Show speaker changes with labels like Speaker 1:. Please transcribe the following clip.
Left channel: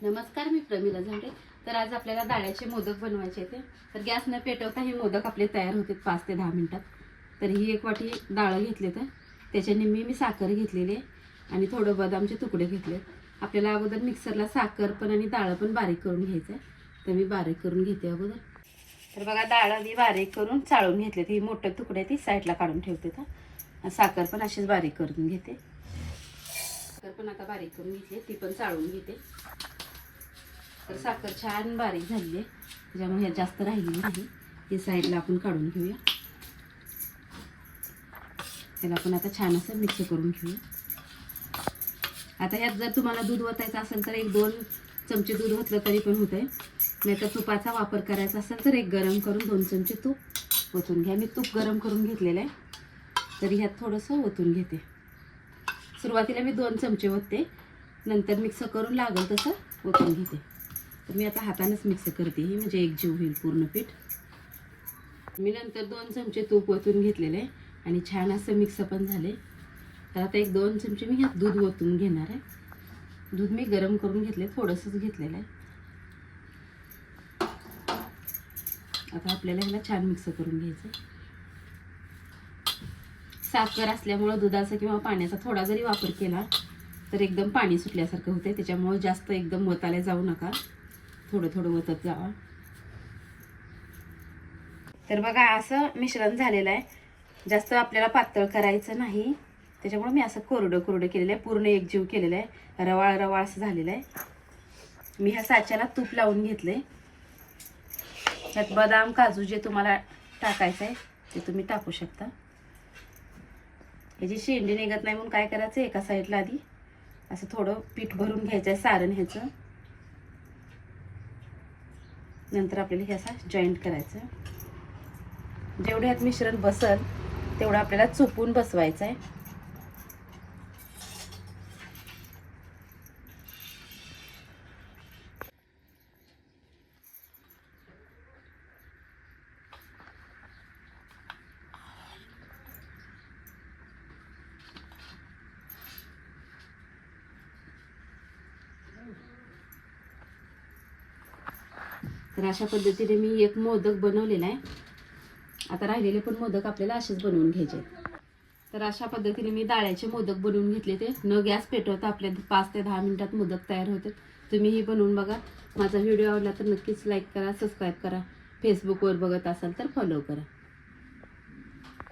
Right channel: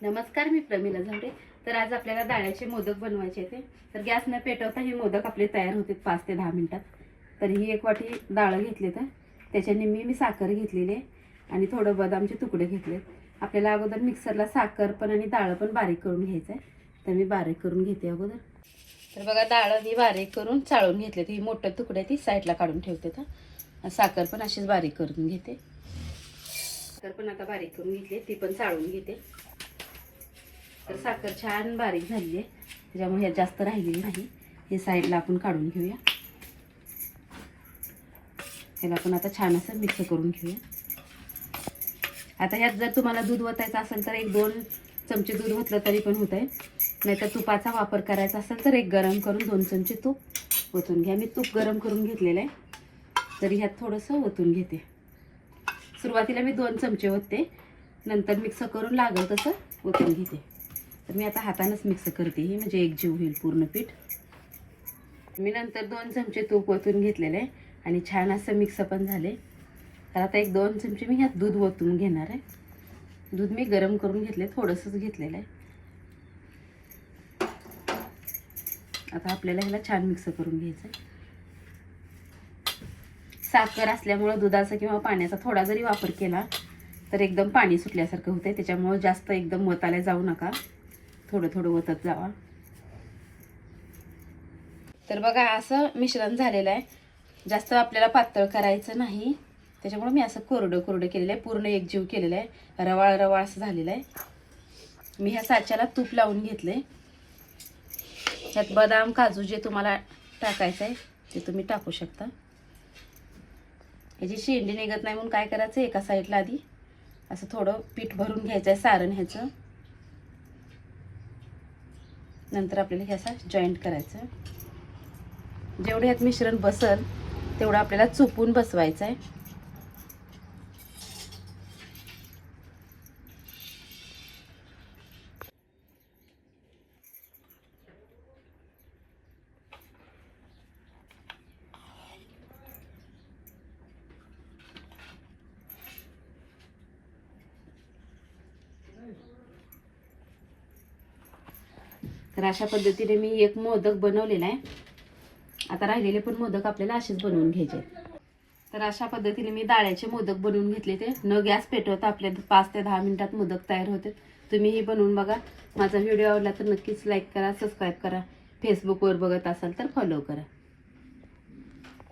Speaker 1: नमस्कार मी प्रमिला झांडे. तर आज आपल्याला डाळ्याचे मोदक बनवायचे होते तर गॅस न पेटवता हे मोदक आपले तयार होते पाच ते दहा मिनटात. तर ही एक वाटी डाळ घेतली तर त्याच्या मी मी साखर घेतलेली आहे आणि थोडं बदामचे तुकडे घेतले आपल्याला अगोदर मिक्सरला साखर पण आणि डाळ पण बारीक करून घ्यायचं आहे. तर मी बारीक करून घेते अगोदर. तर बघा डाळ मी बारीक करून चाळून घेतले ही मोठं तुकडे ती साईडला काढून ठेवते तर साखर पण अशीच बारीक करून घेते. तर पण आता बारीक करून घेतली ती पण चाळून घेते. तर साखर छान बारीक झाली आहे त्याच्यामुळे ह्यात जास्त राहिलेली नाही. हे साईडला आपण काढून घेऊया. त्याला आपण आता छान असं मिक्स करून घेऊया. आता ह्यात जर तुम्हाला दूध ओतायचं असेल तर एक दोन चमचे दूध ओतलं तरी पण होत आहे नाहीतर तुपाचा वापर करायचा असेल तर एक गरम करून दोन चमचे तूप ओतून घ्या. मी तूप गरम करून घेतलेलं आहे. तरी ह्यात थोडंसं ओतून घेते. सुरुवातीला मी दोन चमचे ओतते नंतर मिक्स करून लागल तसं ओतून घेते. तर मी आता हातानंच मिक्स करते ही म्हणजे एक जीव होईल पूर्ण पीठ. मी नंतर दोन चमचे तूप ओतून घेतलेले आहे आणि छान असं मिक्स पण झाले. तर आता एक दोन चमचे मी ह्यात दूध ओतून घेणार आहे. दूध मी गरम करून घेतले थोडंसंच घेतलेलं आहे. आता आपल्याला ह्याला छान मिक्स करून घ्यायचं साखर असल्यामुळं दुधाचा किंवा पाण्याचा थोडा जरी वापर केला तर एकदम पाणी सुटल्यासारखं होतं त्याच्यामुळं जास्त एकदम मताला जाऊ नका. थोडं थोडं वतत जावा. तर बघा असं मिश्रण झालेलं आहे. जास्त आपल्याला पातळ करायचं नाही. त्याच्यामुळे मी असं कोरडं कोरडं केलेलं आहे. पूर्ण एकजीव केलेलं आहे. रवाळ रवाळ असं झालेलं आहे. मी ह्या साच्याला तूप लावून घेतले त्यात बदाम काजू जे तुम्हाला टाकायचं आहे ते तुम्ही टाकू शकता. ह्याची शेंडी निघत नाही म्हणून काय करायचं? एका साईडला आधी असं थोडं पीठ भरून घ्यायचं आहे सारण ह्याचं. नंतर आपल्याला हे असा जॉईंट करायचं जेवढे यात मिश्रण बसल तेवढं आपल्याला चुपून बसवायचं आहे तर अशा पद्धतीने मी एक मोदक बनवलेला आहे. आता राहिलेले पण मोदक आपल्याला असेच बनवून घ्यायचे तर अशा पद्धतीने मी डाळ्याचे मोदक बनवून घेतले ते. न गॅस पेटवता आपल्या पाच ते दहा मिनिटात मोदक तयार होते तुम्हीही बनवून बघा. माझा व्हिडिओ आवडला तर नक्कीच लाईक करा सबस्क्राईब करा. फेसबुकवर बघत असाल तर फॉलो करा.